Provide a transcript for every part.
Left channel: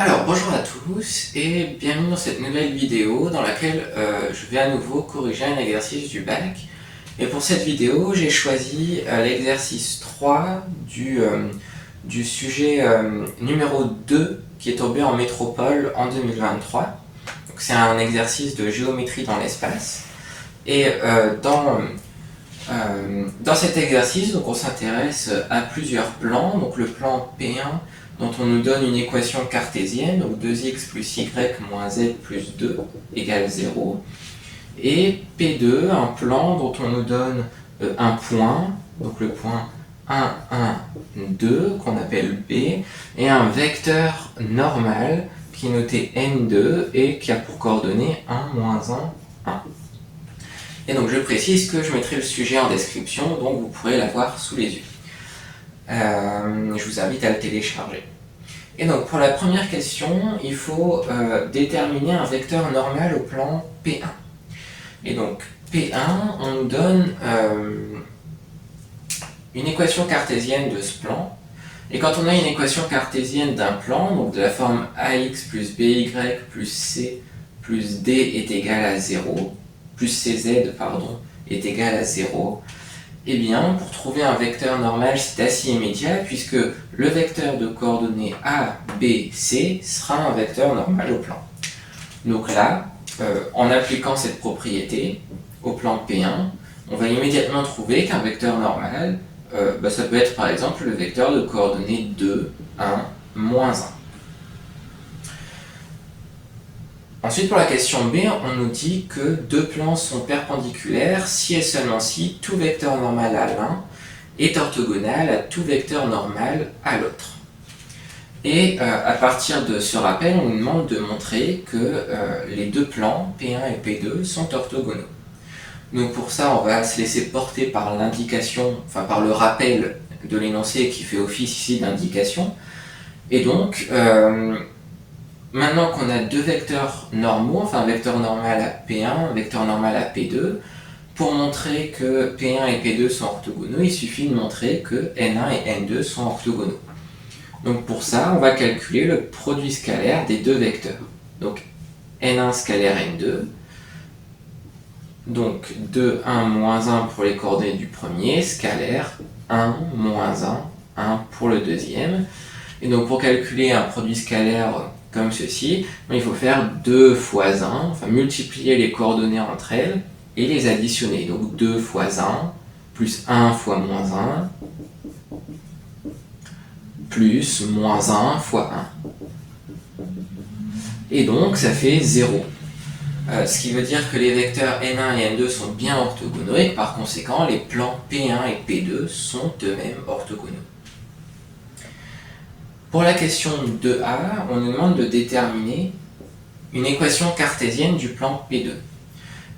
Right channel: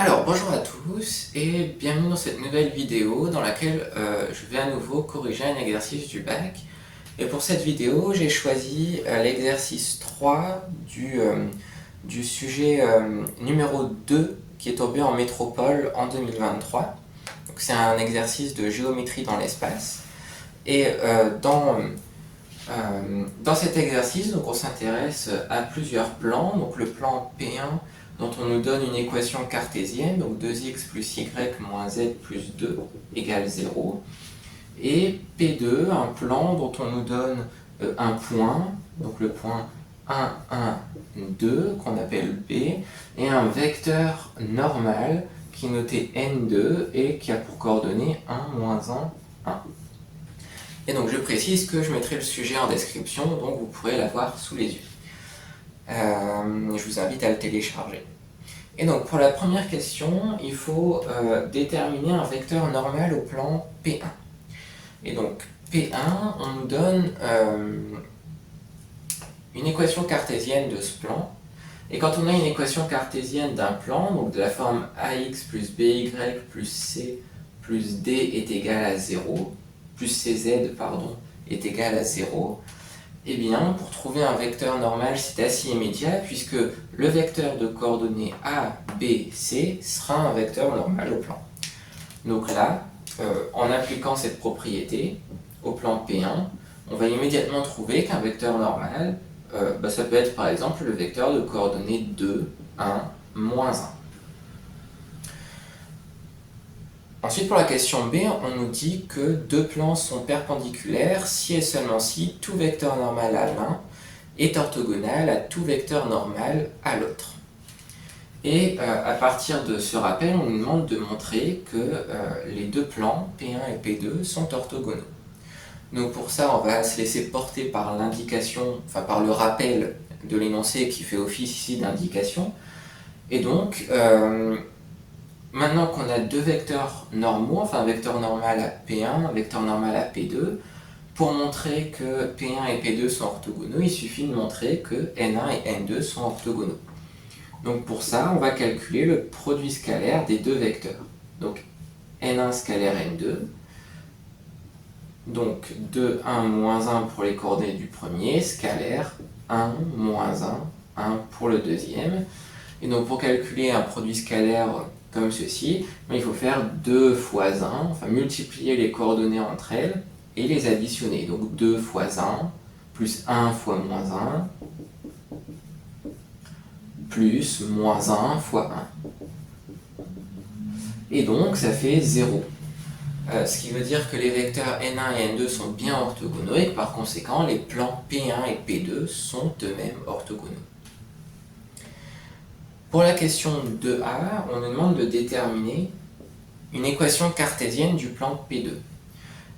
Alors bonjour à tous et bienvenue dans cette nouvelle vidéo dans laquelle je vais à nouveau corriger un exercice du bac. Et pour cette vidéo, j'ai choisi l'exercice 3 du sujet numéro 2 qui est tombé en métropole en 2023. C'est un exercice de géométrie dans l'espace. Et dans cet exercice, donc, on s'intéresse à plusieurs plans. Donc le plan P1 dont on nous donne une équation cartésienne, donc 2x plus y moins z plus 2 égale 0. Et P2, un plan dont on nous donne un point, donc le point 1, 1, 2, qu'on appelle B, et un vecteur normal qui est noté N2 et qui a pour coordonnées 1, moins 1, 1. Et donc je précise que je mettrai le sujet en description, donc vous pourrez l'avoir sous les yeux. Je vous invite à le télécharger. Et donc pour la première question, il faut déterminer un vecteur normal au plan P1. Et donc P1, on nous donne une équation cartésienne de ce plan. Et quand on a une équation cartésienne d'un plan, donc de la forme ax plus by plus c plus d est égal à 0, plus cz, pardon, est égal à 0, eh bien, pour trouver un vecteur normal, c'est assez immédiat, puisque le vecteur de coordonnées A, B, C sera un vecteur normal au plan. Donc là, en appliquant cette propriété au plan P1, on va immédiatement trouver qu'un vecteur normal, ça peut être par exemple le vecteur de coordonnées 2, 1, moins 1. Ensuite, pour la question B, on nous dit que deux plans sont perpendiculaires si et seulement si tout vecteur normal à l'un est orthogonal à tout vecteur normal à l'autre. Et à partir de ce rappel, on nous demande de montrer que les deux plans, P1 et P2, sont orthogonaux. Donc pour ça, on va se laisser porter par l'indication, enfin par le rappel de l'énoncé qui fait office ici d'indication. Et donc, maintenant qu'on a deux vecteurs normaux, enfin un vecteur normal à P1, un vecteur normal à P2, pour montrer que P1 et P2 sont orthogonaux, il suffit de montrer que N1 et N2 sont orthogonaux. Donc pour ça, on va calculer le produit scalaire des deux vecteurs. Donc N1 scalaire N2, donc 2, 1, moins 1 pour les coordonnées du premier, scalaire 1, moins 1, 1 pour le deuxième. Et donc pour calculer un produit scalaire comme ceci, il faut faire 2 fois 1, enfin multiplier les coordonnées entre elles et les additionner. Donc 2 fois 1, plus 1 fois moins 1, plus moins 1 fois 1. Et donc ça fait 0. Ce qui veut dire que les vecteurs N1 et N2 sont bien orthogonaux et que par conséquent les plans P1 et P2 sont eux-mêmes orthogonaux. Pour la question 2a, on nous demande de déterminer une équation cartésienne du plan P2.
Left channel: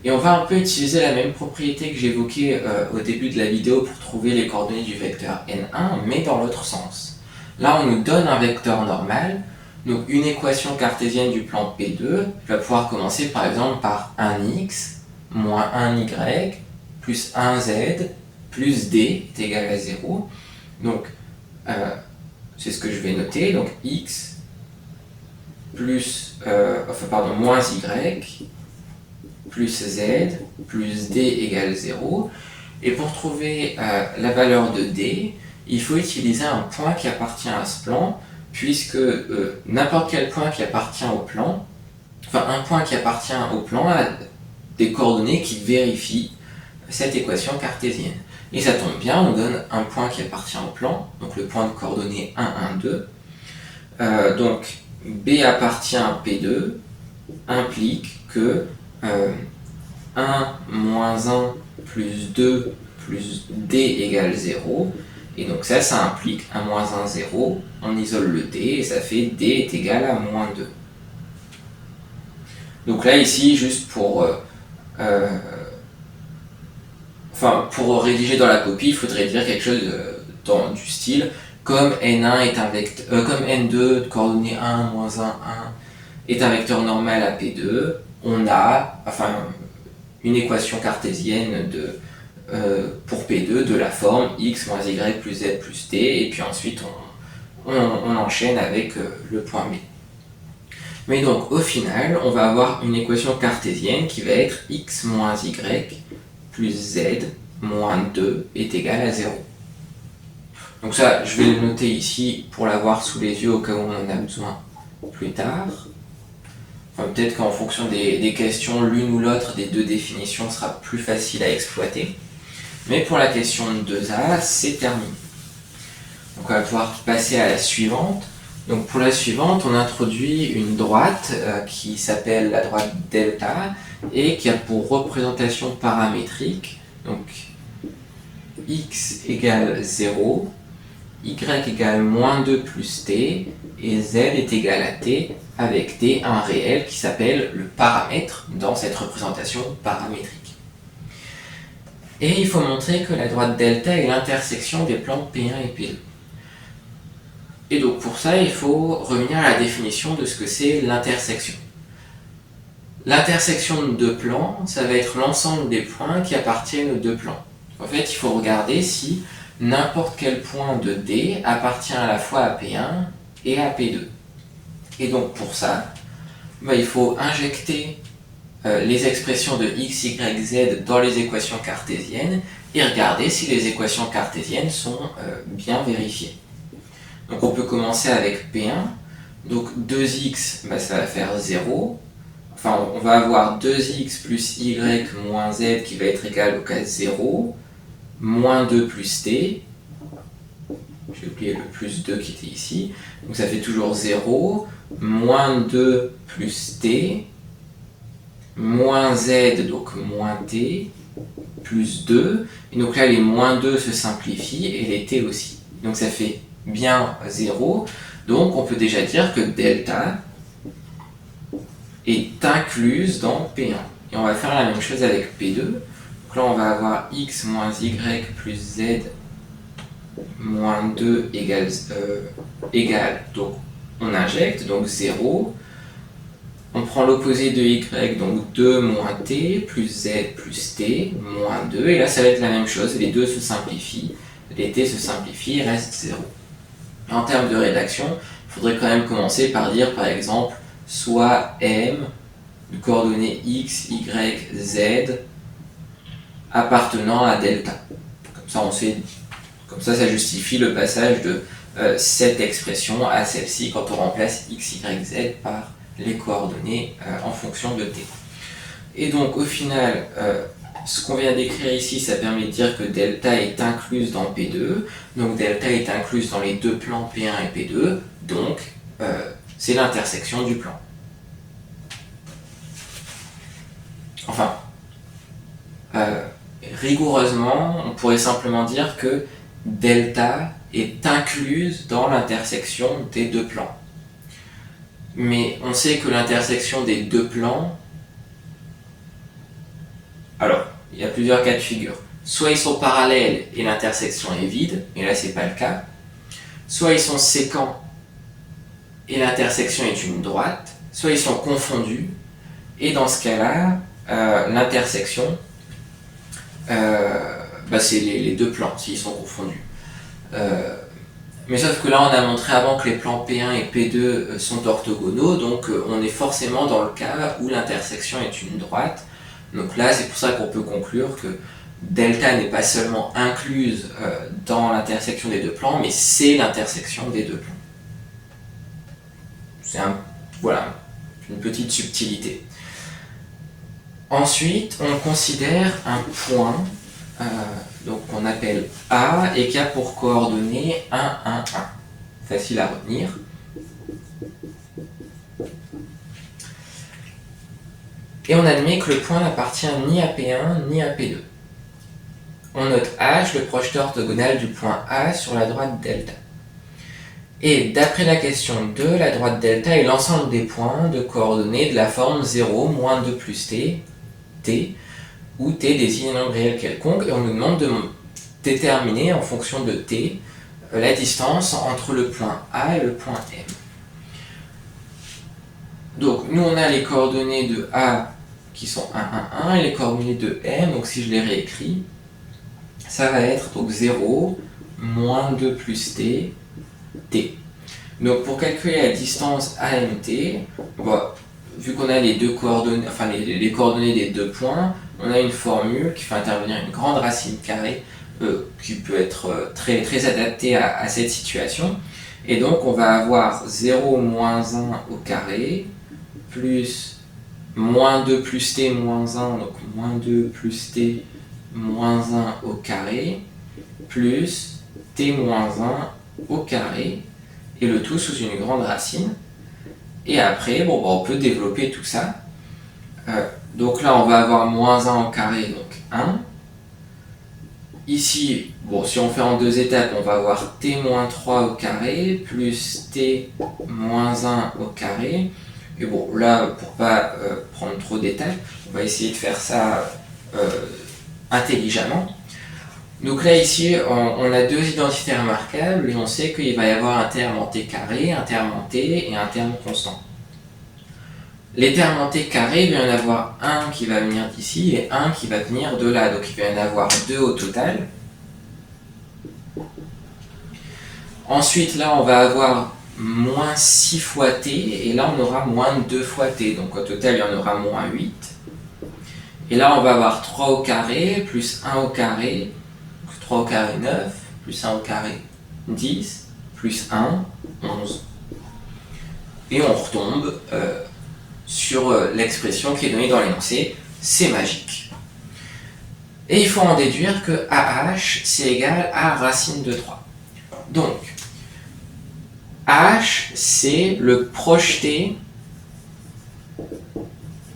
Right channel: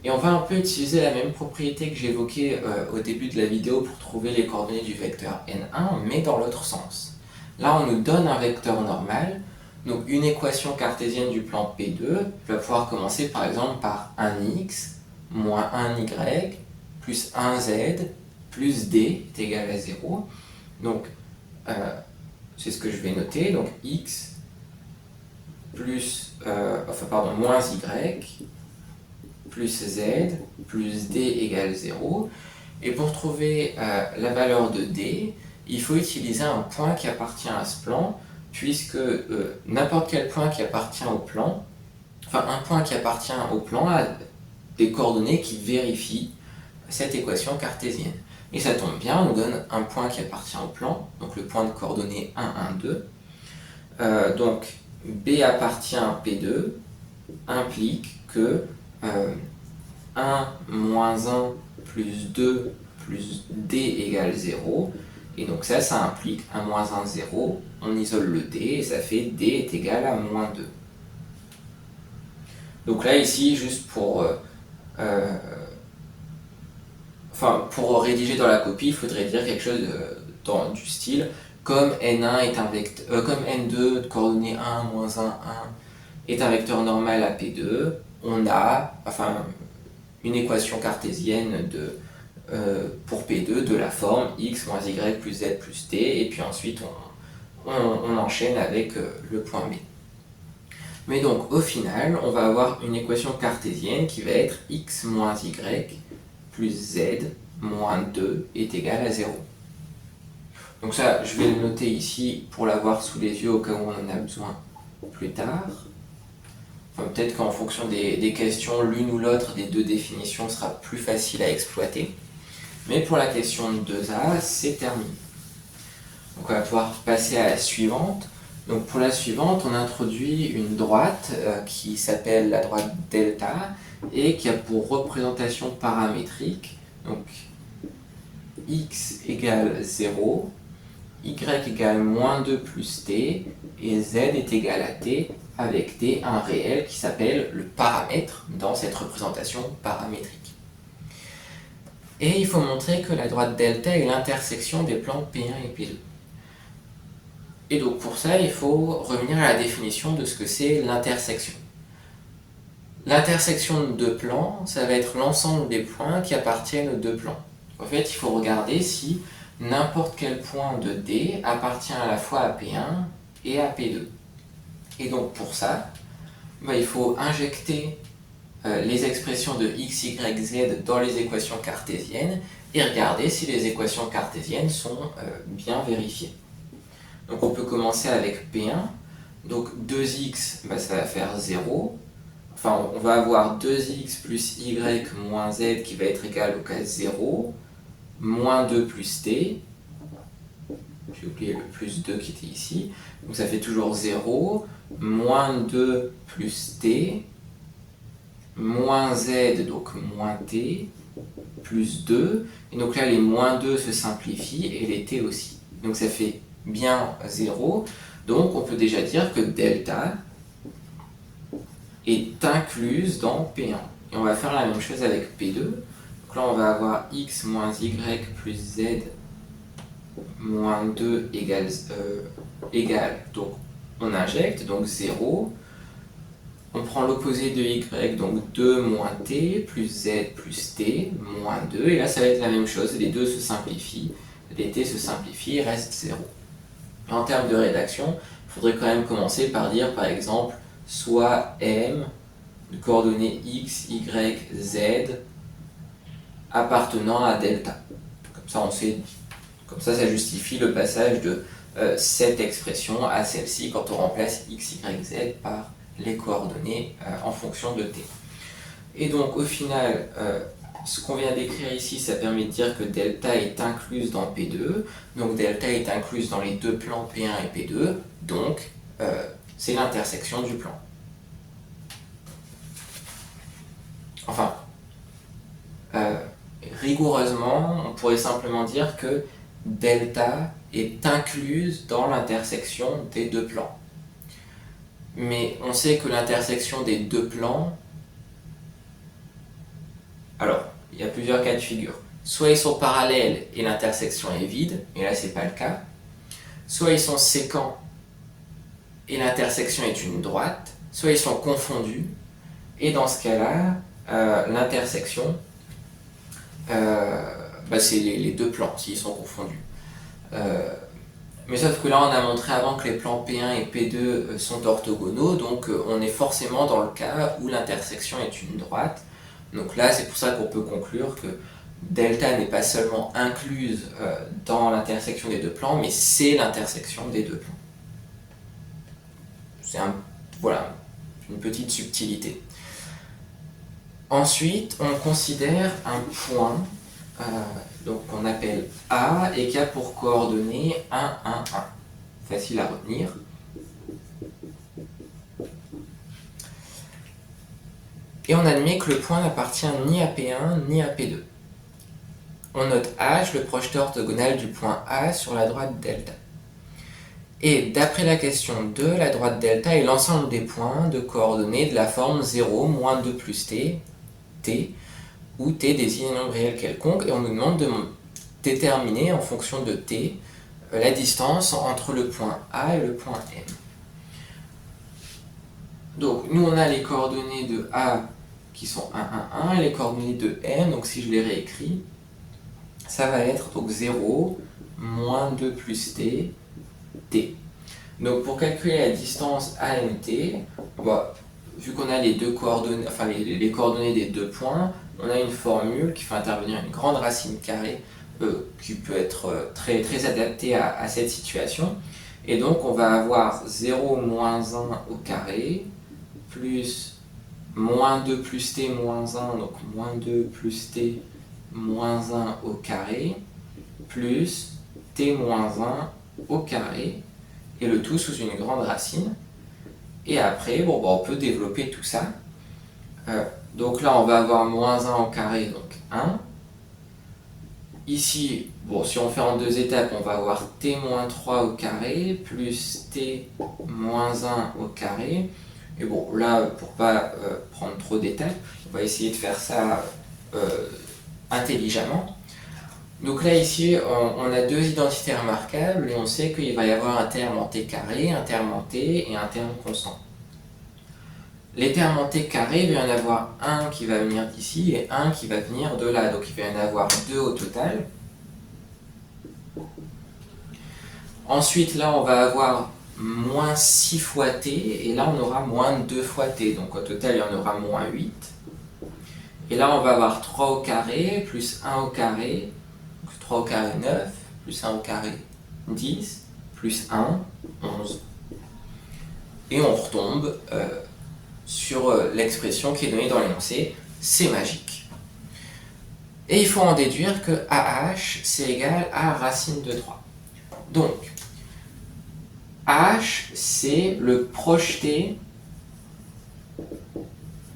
Et on va un peu utiliser la même propriété que j'évoquais au début de la vidéo pour trouver les coordonnées du vecteur N1, mais dans l'autre sens. Là, on nous donne un vecteur normal, donc une équation cartésienne du plan P2. Je vais pouvoir commencer par exemple par 1x moins 1y plus 1z plus d est égal à 0. Donc, c'est ce que je vais noter, donc x plus, moins y plus z plus d égale 0. Et pour trouver la valeur de d, il faut utiliser un point qui appartient à ce plan, puisque n'importe quel point qui appartient au plan, enfin un point qui appartient au plan a des coordonnées qui vérifient cette équation cartésienne. Et ça tombe bien, on donne un point qui appartient au plan, donc le point de coordonnées 1, 1, 2. Donc B appartient à P2 implique que 1 moins 1 plus 2 plus D égale 0. Et donc ça implique 1 moins 1, 0. On isole le D et ça fait D est égal à moins 2. Donc là, ici, juste pour rédiger dans la copie, il faudrait dire quelque chose du style comme N1 est un vecteur, comme N2 de coordonnées 1, moins 1, 1 est un vecteur normal à P2, on a une équation cartésienne pour P2 de la forme x moins y plus z plus t, et puis ensuite on enchaîne avec le point B. Mais donc au final, on va avoir une équation cartésienne qui va être x moins y plus z moins 2 est égal à 0. Donc ça, je vais le noter ici pour l'avoir sous les yeux au cas où on en a besoin plus tard. Enfin, peut-être qu'en fonction des questions, l'une ou l'autre des deux définitions sera plus facile à exploiter. Mais pour la question de 2a, c'est terminé. Donc on va pouvoir passer à la suivante. Donc pour la suivante, on introduit une droite qui s'appelle la droite delta et qui a pour représentation paramétrique donc x égale 0, y égale moins 2 plus t, et z est égal à t, avec t un réel qui s'appelle le paramètre dans cette représentation paramétrique. Et il faut montrer que la droite delta est l'intersection des plans P1 et P2. Et donc pour ça, il faut revenir à la définition de ce que c'est l'intersection. L'intersection de deux plans, ça va être l'ensemble des points qui appartiennent aux deux plans. En fait, il faut regarder si n'importe quel point de D appartient à la fois à P1 et à P2. Et donc pour ça, il faut injecter les expressions de x, y, z dans les équations cartésiennes et regarder si les équations cartésiennes sont bien vérifiées. Donc on peut commencer avec P1, donc 2x, ça va faire 0, enfin on va avoir 2x plus y moins z qui va être égal au cas 0, moins 2 plus t, j'ai oublié le plus 2 qui était ici, donc ça fait toujours 0, moins 2 plus t, moins z, donc moins t, plus 2, et donc là les moins 2 se simplifient et les t aussi. Donc ça fait bien 0, donc on peut déjà dire que delta est incluse dans P1. Et on va faire la même chose avec P2. Donc là on va avoir x moins y plus z moins 2 égale, donc on injecte, donc 0. On prend l'opposé de y, donc 2 moins t, plus z plus t, moins 2. Et là ça va être la même chose, les deux se simplifient, les t se simplifient, il reste 0. En termes de rédaction, il faudrait quand même commencer par dire par exemple soit m de coordonnées x, y, z appartenant à delta. Comme ça, ça justifie le passage de cette expression à celle-ci quand on remplace x, y, z par les coordonnées en fonction de t. Et donc au final, ce qu'on vient d'écrire ici, ça permet de dire que delta est incluse dans P2, donc delta est incluse dans les deux plans P1 et P2, donc c'est l'intersection du plan. Enfin, rigoureusement, on pourrait simplement dire que delta est incluse dans l'intersection des deux plans. Mais on sait que l'intersection des deux plans, alors, il y a plusieurs cas de figure. Soit ils sont parallèles et l'intersection est vide, et là c'est pas le cas. Soit ils sont sécants et l'intersection est une droite. Soit ils sont confondus, et dans ce cas-là, l'intersection, c'est les deux plans s'ils sont confondus. Mais sauf que là on a montré avant que les plans P1 et P2 sont orthogonaux, donc on est forcément dans le cas où l'intersection est une droite. Donc là, c'est pour ça qu'on peut conclure que delta n'est pas seulement incluse dans l'intersection des deux plans, mais c'est l'intersection des deux plans. C'est une petite subtilité. Ensuite, on considère un point qu'on appelle A et qui a pour coordonnées 1, 1, 1. Facile à retenir. Et on admet que le point n'appartient ni à P1 ni à P2. On note H, le projeteur orthogonal du point A sur la droite delta. Et d'après la question 2, la droite delta est l'ensemble des points de coordonnées de la forme 0, moins 2 plus t, t, où t désigne un nombre réel quelconque, et on nous demande de déterminer en fonction de t la distance entre le point A et le point M. Donc nous on a les coordonnées de A qui sont 1, 1, 1 et les coordonnées de M, donc si je les réécris, ça va être donc 0, moins 2 plus t, t. Donc pour calculer la distance AMT, bon, vu qu'on a les deux coordonnées, enfin les coordonnées des deux points, on a une formule qui fait intervenir une grande racine carrée qui peut être très, très adaptée à cette situation. Et donc on va avoir 0 moins 1 au carré, plus moins 2 plus t moins 1, donc moins 2 plus t moins 1 au carré, plus t moins 1 au carré, et le tout sous une grande racine. Et après, bon, on peut développer tout ça. Donc là, on va avoir moins 1 au carré, donc 1. Ici, bon, si on fait en deux étapes, on va avoir t moins 3 au carré, plus t moins 1 au carré. Et bon, là, pour pas prendre trop de détails, on va essayer de faire ça intelligemment. Donc là, ici, on a deux identités remarquables et on sait qu'il va y avoir un terme en t carré, un terme en t et un terme constant. Les termes en t carré, il va y en avoir un qui va venir d'ici et un qui va venir de là. Donc il va y en avoir deux au total. Ensuite, là, on va avoir moins 6 fois t, et là, on aura moins 2 fois t. Donc au total, il y en aura moins 8. Et là, on va avoir 3 au carré, plus 1 au carré, 3 au carré 9, plus 1 au carré 10, plus 1, 11. Et on retombe sur l'expression qui est donnée dans l'énoncé, c'est magique. Et il faut en déduire que AH, c'est égal à racine de 3. Donc, H, c'est le projeté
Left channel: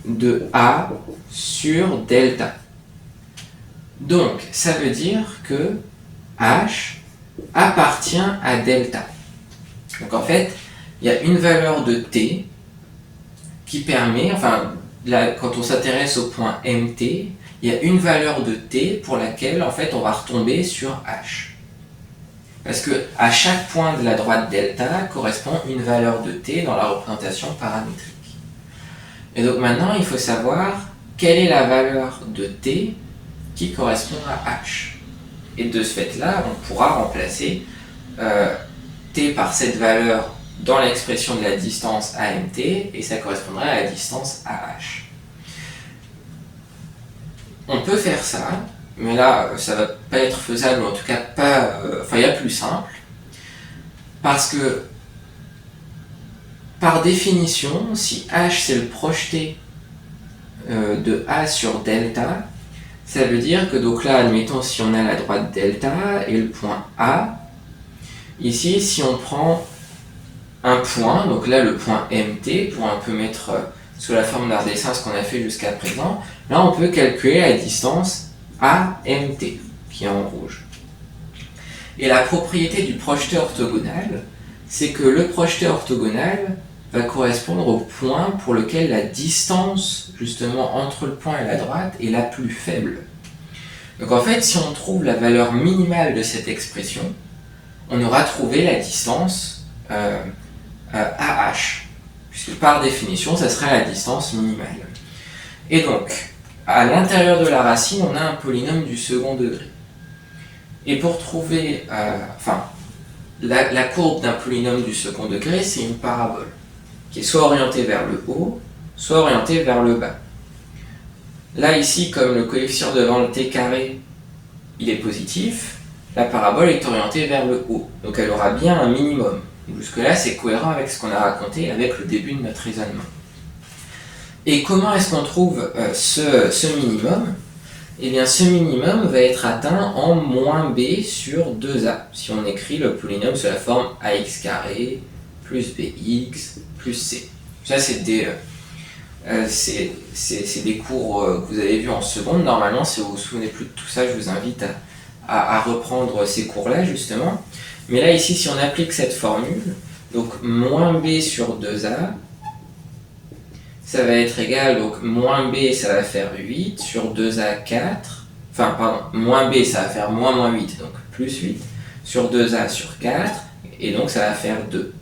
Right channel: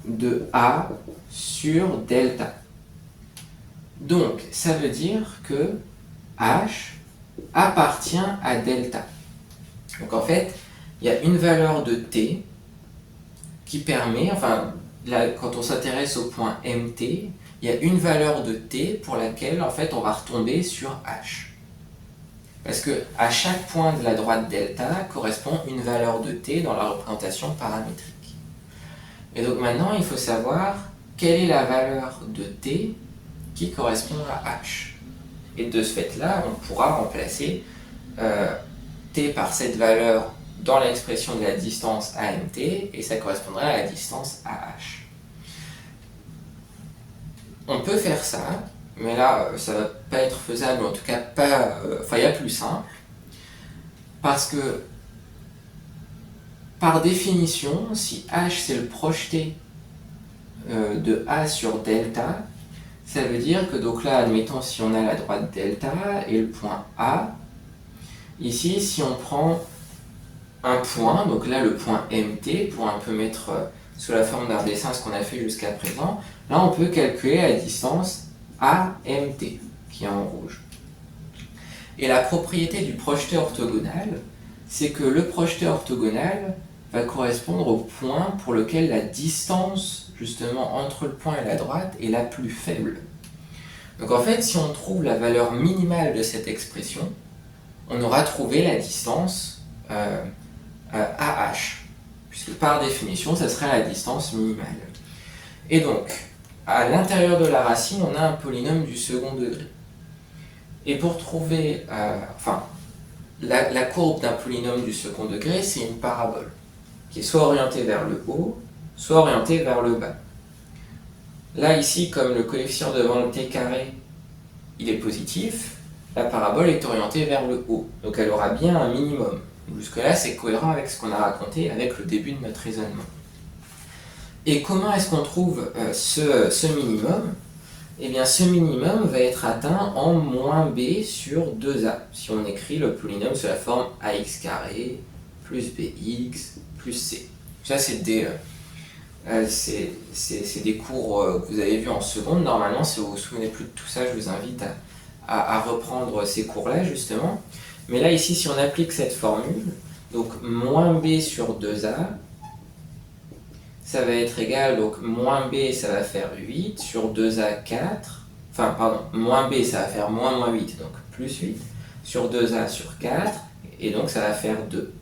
de A sur delta. Donc, ça veut dire que H appartient à delta. Donc en fait, il y a une valeur de t qui permet, enfin, là, quand on s'intéresse au point mt, il y a une valeur de t pour laquelle, en fait, on va retomber sur h. Parce que à chaque point de la droite delta correspond une valeur de t dans la représentation paramétrique. Et donc maintenant, il faut savoir quelle est la valeur de t qui correspond à h. Et de ce fait-là, on pourra remplacer t par cette valeur dans l'expression de la distance AMT, et ça correspondrait à la distance AH. On peut faire ça, mais là, ça va pas être faisable, en tout cas pas... il y a plus simple, parce que, par définition, si H c'est le projeté de A sur delta, ça veut dire que, donc là, admettons, si on a la droite delta et le point A, ici, si on prend un point, donc là le point MT, pour un peu mettre sous la forme d'un dessin ce qu'on a fait jusqu'à présent, là on peut calculer la distance AMT, qui est en rouge. Et la propriété du projeté orthogonal, c'est que le projeté orthogonal va correspondre au point pour lequel la distance, justement, entre le point et la droite est la plus faible. Donc en fait, si on trouve la valeur minimale de cette expression, on aura trouvé la distance AH, puisque par définition, ça serait la distance minimale. Et donc, à l'intérieur de la racine, on a un polynôme du second degré. Et pour trouver, la courbe d'un polynôme du second degré, c'est une parabole, qui est soit orientée vers le haut, soit orientée vers le bas. Là, ici, comme le coefficient devant le t carré, il est positif, la parabole est orientée vers le haut, donc elle aura bien un minimum. Jusque-là, c'est cohérent avec ce qu'on a raconté avec le début de notre raisonnement. Et comment est-ce qu'on trouve ce minimum ? Eh bien, ce minimum va être atteint en moins b sur 2a, si on écrit le polynôme sous la forme ax carré plus bx plus c. Ça, c'est des cours que vous avez vus en seconde. Normalement, si vous vous souvenez plus de tout ça, je vous invite à reprendre ces cours-là, justement. Mais là, ici, si on applique cette formule, donc moins b sur 2a, ça va être égal, donc moins b, ça va faire 8, sur 2a, 4, moins b, ça va faire moins 8, donc plus 8, sur 2a, sur 4, et donc ça va faire 2.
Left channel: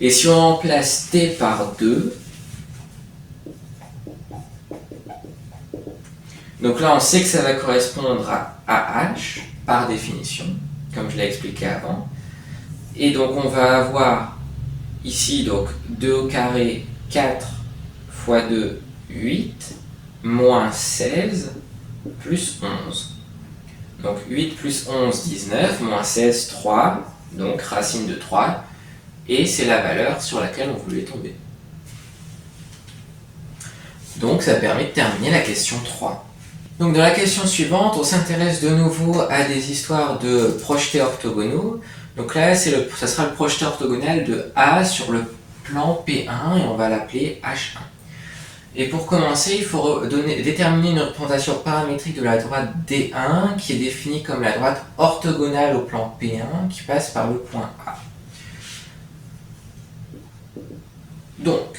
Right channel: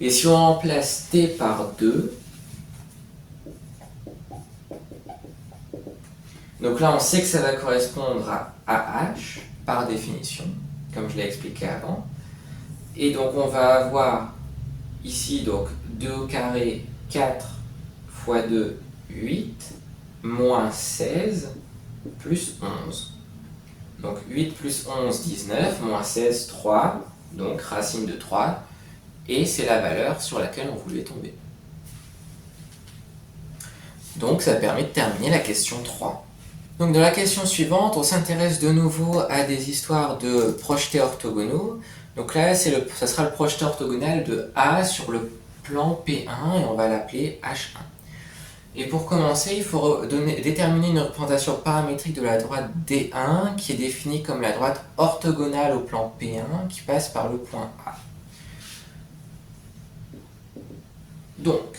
Et si on remplace t par 2, donc là, on sait que ça va correspondre à AH, par définition, comme je l'ai expliqué avant. Et donc, on va avoir ici, donc 2 au carré, 4 fois 2, 8, moins 16, plus 11. Donc 8 plus 11, 19, moins 16, 3, donc racine de 3, et c'est la valeur sur laquelle on voulait tomber. Donc ça permet de terminer la question 3. Donc dans la question suivante, on s'intéresse de nouveau à des histoires de projetés orthogonaux. Donc là, ça sera le projeté orthogonal de A sur le plan P1 et on va l'appeler H1. Et pour commencer, il faut déterminer une représentation paramétrique de la droite D1 qui est définie comme la droite orthogonale au plan P1 qui passe par le point A. Donc,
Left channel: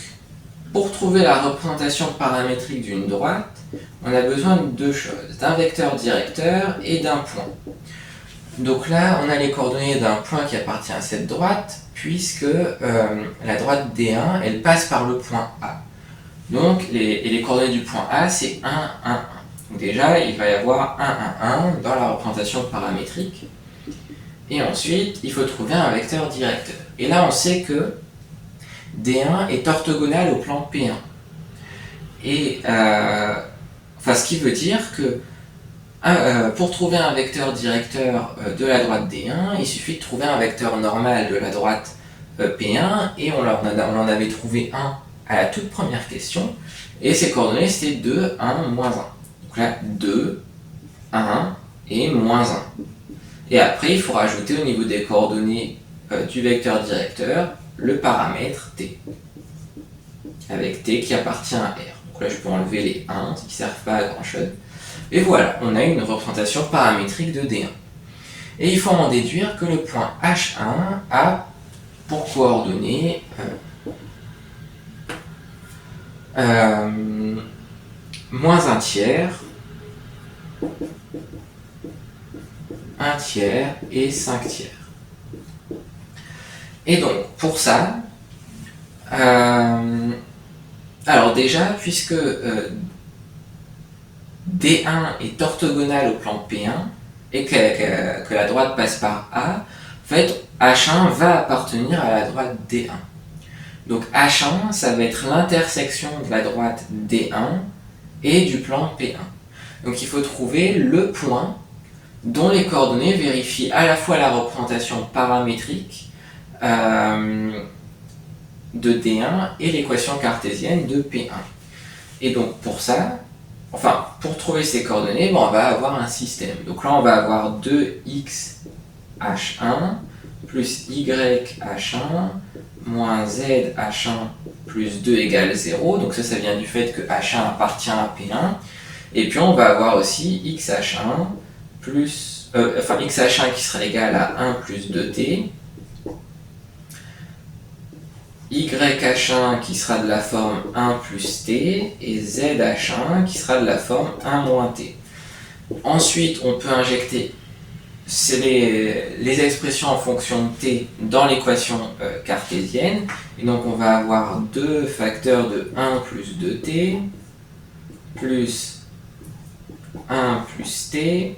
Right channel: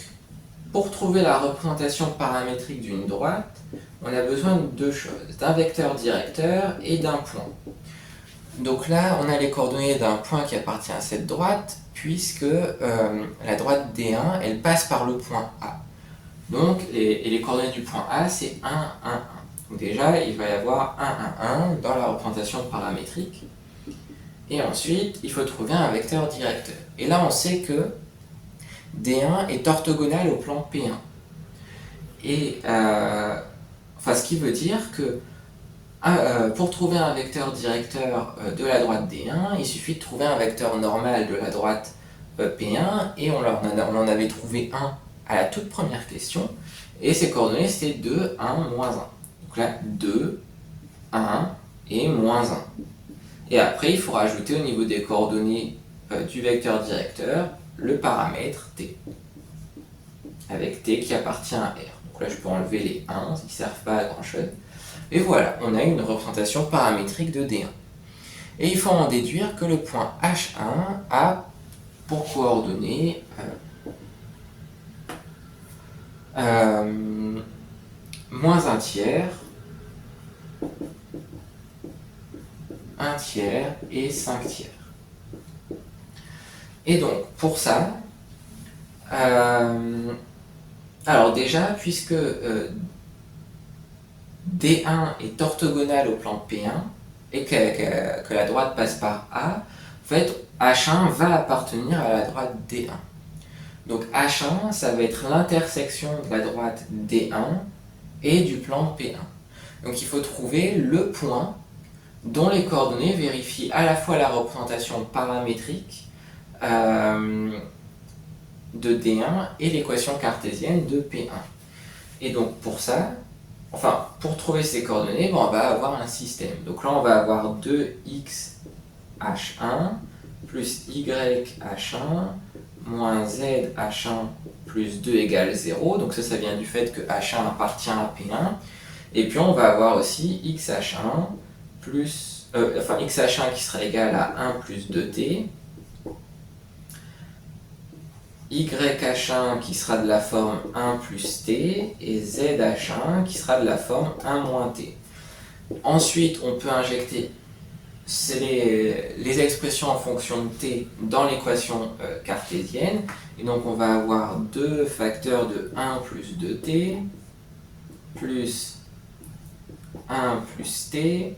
pour trouver la représentation paramétrique d'une droite, on a besoin de deux choses, d'un vecteur directeur et d'un point. Donc là, on a les coordonnées d'un point qui appartient à cette droite, puisque la droite D1, elle passe par le point A. Donc, les coordonnées du point A, c'est 1, 1, 1. Donc déjà, il va y avoir 1, 1, 1 dans la représentation paramétrique. Et ensuite, il faut trouver un vecteur directeur. Et là, on sait que D1 est orthogonal au plan P1. Et, ce qui veut dire que pour trouver un vecteur directeur de la droite D1, il suffit de trouver un vecteur normal de la droite P1, et on en avait trouvé un à la toute première question, et ses coordonnées c'était 2, 1, moins 1. Donc là, 2, 1 et moins 1. Et après, il faut rajouter au niveau des coordonnées du vecteur directeur le paramètre t, avec t qui appartient à R. Donc là, je peux enlever les 1 qui ne servent pas à grand chose. Et voilà, on a une représentation paramétrique de D1. Et il faut en déduire que le point H1 a pour coordonnées moins 1 tiers, 1 tiers et 5 tiers. Et donc, pour ça, alors déjà, puisque D1 est orthogonal au plan P1 et que la droite passe par A, en fait, H1 va appartenir à la droite D1. Donc H1, ça va être l'intersection de la droite D1 et du plan P1. Donc il faut trouver le point dont les coordonnées vérifient à la fois la représentation paramétrique de D1 et l'équation cartésienne de P1. Et donc pour ça, pour trouver ces coordonnées, on va avoir un système. Donc là, on va avoir 2x h1 plus y h1 moins z h1 plus 2 égale 0. Donc ça vient du fait que h1 appartient à P1. Et puis on va avoir aussi x h1 plus, x h1 qui sera égal à 1 plus 2t, y h1 qui sera de la forme 1 plus t, et z h1 qui sera de la forme 1 moins t. Ensuite, on peut injecter les expressions en fonction de t dans l'équation cartésienne. Et donc on va avoir 2 facteurs de 1 plus 2t plus 1 plus t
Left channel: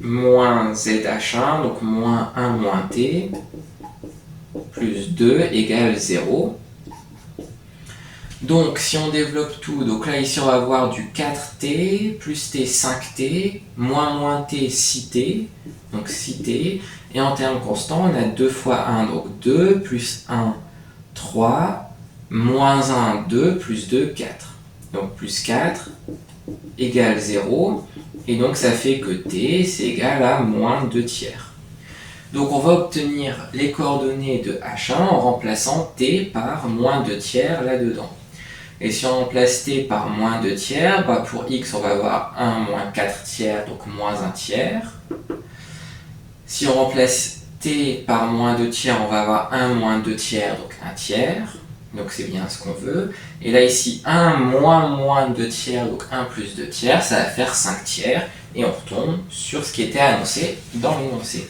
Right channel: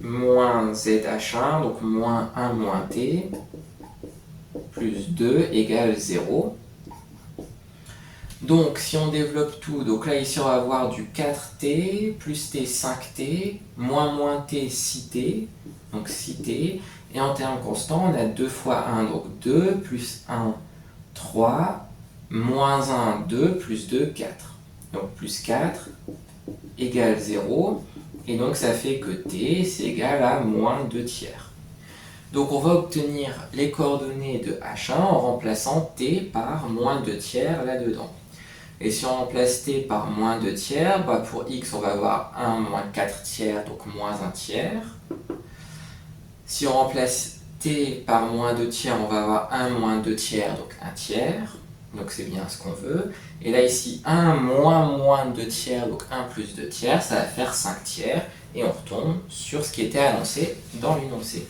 moins zh1, donc moins 1 moins t, plus 2 égale 0. Donc si on développe tout, donc là ici on va avoir du 4t, plus t 5t, moins t 6t, donc 6t, et en termes constants on a 2 fois 1, donc 2, plus 1, 3, moins 1, 2, plus 2, 4. Donc plus 4 égale 0, et donc ça fait que t c'est égal à moins 2 tiers. Donc on va obtenir les coordonnées de h1 en remplaçant t par moins 2 tiers là-dedans. Et si on remplace t par moins 2 tiers, pour x on va avoir 1 moins 4 tiers, donc moins 1 tiers. Si on remplace t par moins 2 tiers, on va avoir 1 moins 2 tiers, donc 1 tiers. Donc c'est bien ce qu'on veut. Et là ici, 1 moins 2 tiers, donc 1 plus 2 tiers, ça va faire 5 tiers. Et on retombe sur ce qui était annoncé dans l'énoncé.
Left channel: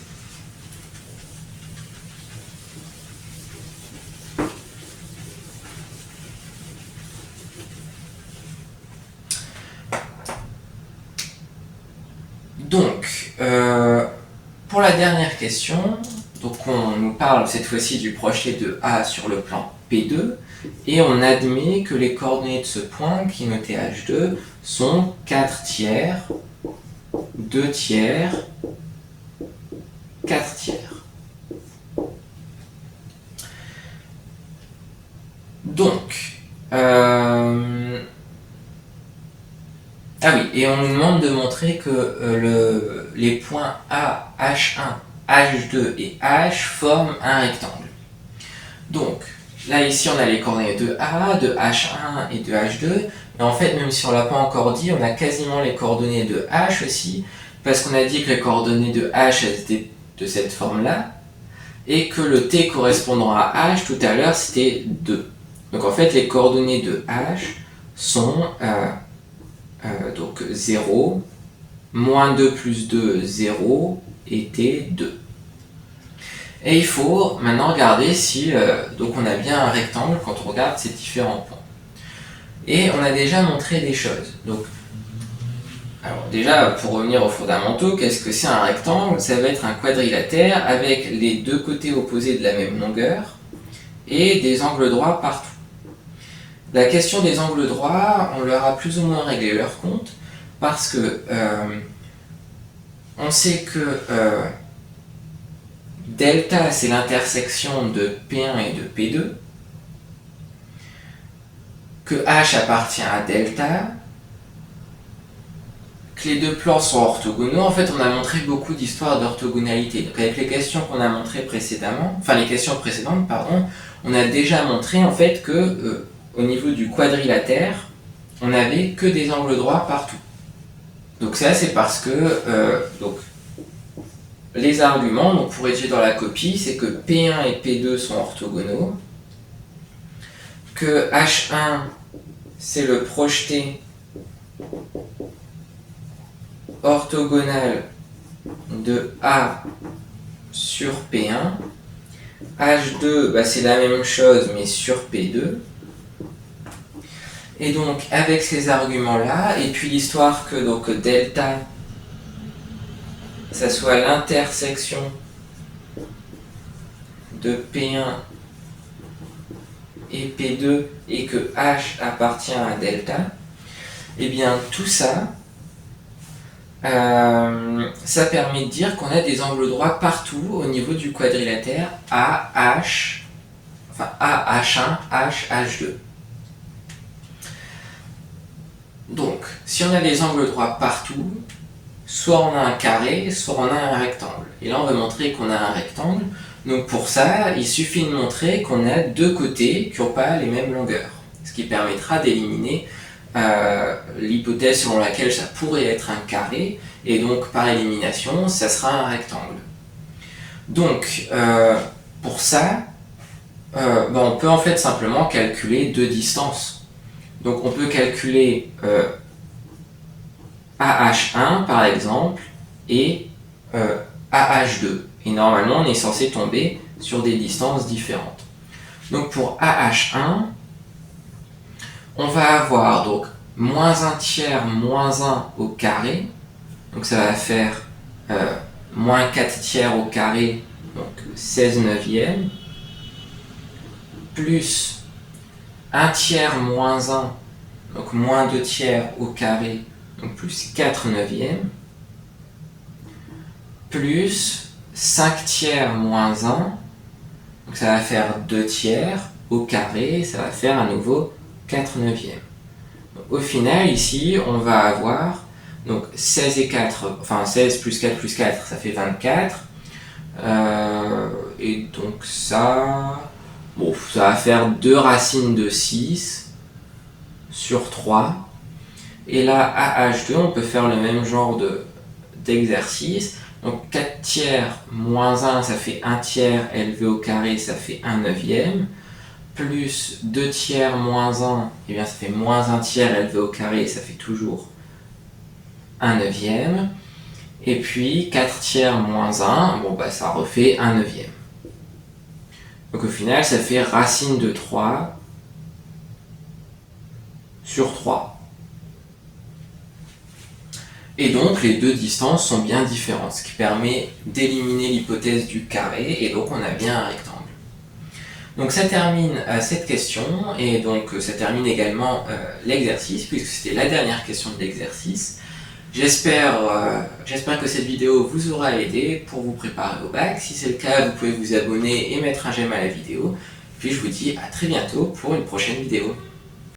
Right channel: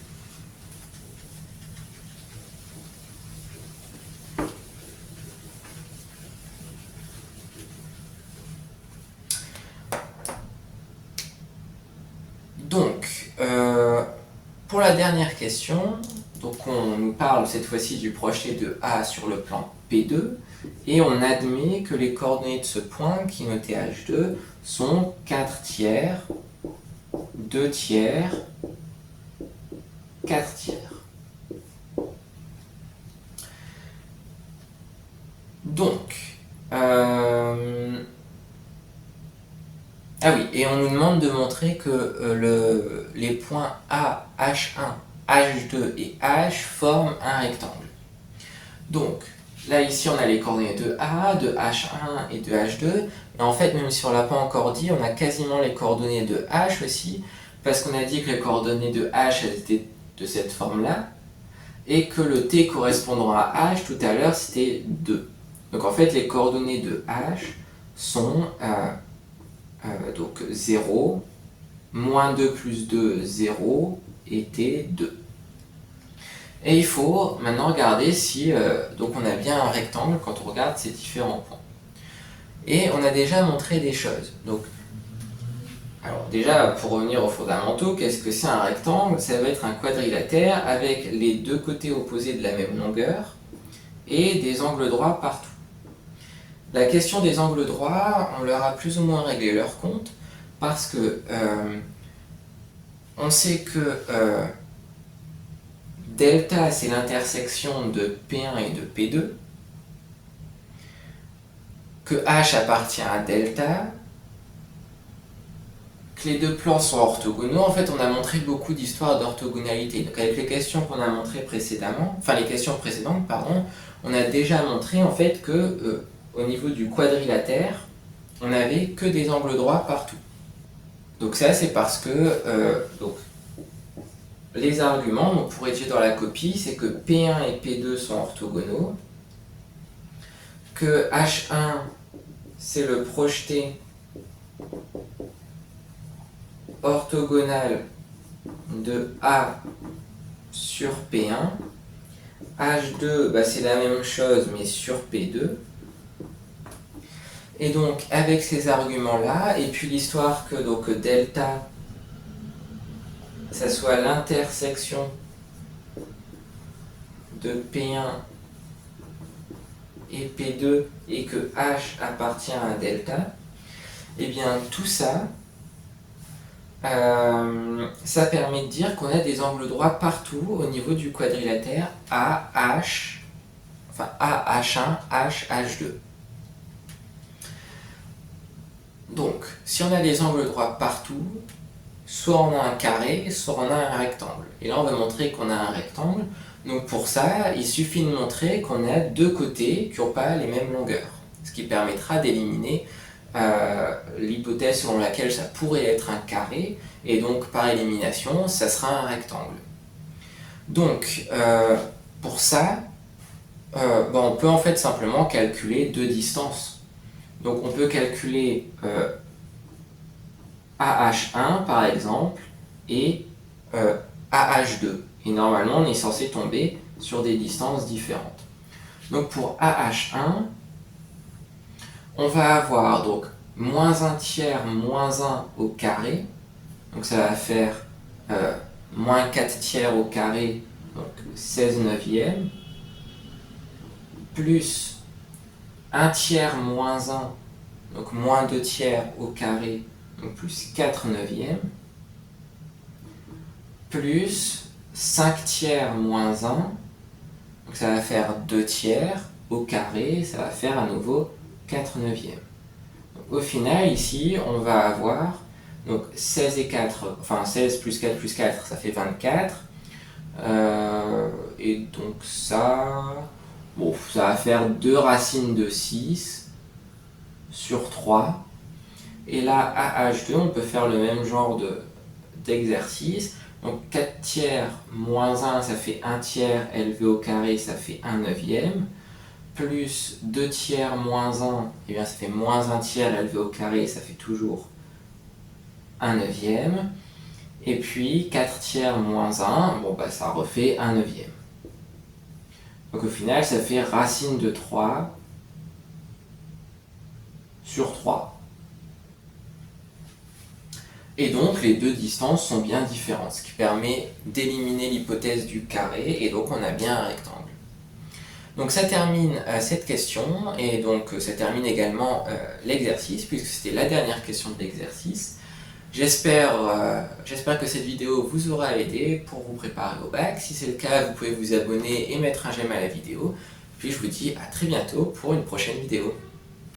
Donc, pour la dernière question, donc qu'on nous parle cette fois-ci du projeté de A sur le plan P2, et on admet que les coordonnées de ce point, qui est noté H2, sont 4 tiers, 2 tiers, 4 tiers. Donc, ah oui, et on nous demande de montrer que les points A, H1, H2 et H forment un rectangle. Donc, là ici on a les coordonnées de A, de H1 et de H2, mais en fait même si on ne l'a pas encore dit, on a quasiment les coordonnées de H aussi, parce qu'on a dit que les coordonnées de H étaient de cette forme-là, et que le T correspondant à H tout à l'heure c'était 2. Donc en fait les coordonnées de H sont donc 0, moins 2 plus 2, 0, et T, 2. Et il faut maintenant regarder si donc on a bien un rectangle quand on regarde ces différents points. Et on a déjà montré des choses. Donc, alors déjà, pour revenir aux fondamentaux, qu'est-ce que c'est un rectangle? Ça va être un quadrilatère avec les deux côtés opposés de la même longueur et des angles droits partout. La question des angles droits, on leur a plus ou moins réglé leur compte parce que on sait que delta c'est l'intersection de P1 et de P2, que H appartient à delta, que les deux plans sont orthogonaux. En fait, on a montré beaucoup d'histoires d'orthogonalité. Donc avec les questions qu'on a montrées précédemment, enfin les questions précédentes, pardon, on a déjà montré en fait que au niveau du quadrilatère, on n'avait que des angles droits partout. Donc ça, c'est parce que donc, les arguments, donc pour étudier dans la copie, c'est que P1 et P2 sont orthogonaux, que H1, c'est le projeté orthogonal de A sur P1, H2, bah, c'est la même chose, mais sur P2. Et donc, avec ces arguments-là, et puis l'histoire que donc, delta, ça soit l'intersection de P1 et P2, et que H appartient à delta, et bien tout ça, ça permet de dire qu'on a des angles droits partout au niveau du quadrilatère AH, enfin AH1, H, H2. Donc, si on a des angles droits partout, soit on a un carré, soit on a un rectangle. Et là, on va montrer qu'on a un rectangle. Donc pour ça, il suffit de montrer qu'on a deux côtés qui n'ont pas les mêmes longueurs. Ce qui permettra d'éliminer l'hypothèse selon laquelle ça pourrait être un carré, et donc par élimination, ça sera un rectangle. Donc, pour ça, on peut en fait simplement calculer deux distances. Donc on peut calculer AH1 par exemple et AH2. Et normalement on est censé tomber sur des distances différentes. Donc pour AH1, on va avoir donc moins 1 tiers moins 1 au carré. Donc ça va faire moins 4 tiers au carré, donc 16 neuvièmes, plus 1 tiers moins 1, donc moins 2 tiers au carré, donc plus 4 neuvièmes, plus 5 tiers moins 1, donc ça va faire 2 tiers au carré, ça va faire à nouveau 4 neuvièmes. Donc, au final, ici, on va avoir donc 16 et 4, enfin 16 plus 4 plus 4, ça fait 24. Et donc ça... Bon, ça va faire 2 racines de 6 sur 3. Et là, AH2, on peut faire le même genre d'exercice. Donc 4 tiers moins 1, ça fait 1 tiers élevé au carré, ça fait 1 neuvième. Plus 2 tiers moins 1, et bien ça fait moins 1 tiers élevé au carré, ça fait toujours 1 neuvième. Et puis 4 tiers moins 1, bon bah ça refait 1 neuvième. Donc au final, ça fait racine de 3 sur 3. Et donc les deux distances sont bien différentes, ce qui permet d'éliminer l'hypothèse du carré, et donc on a bien un rectangle. Donc ça termine cette question, et donc ça termine également l'exercice, puisque c'était la dernière question de l'exercice. J'espère que cette vidéo vous aura aidé pour vous préparer au bac. Si c'est le cas, vous pouvez vous abonner et mettre un j'aime à la vidéo. Puis je vous dis à très bientôt pour une prochaine vidéo.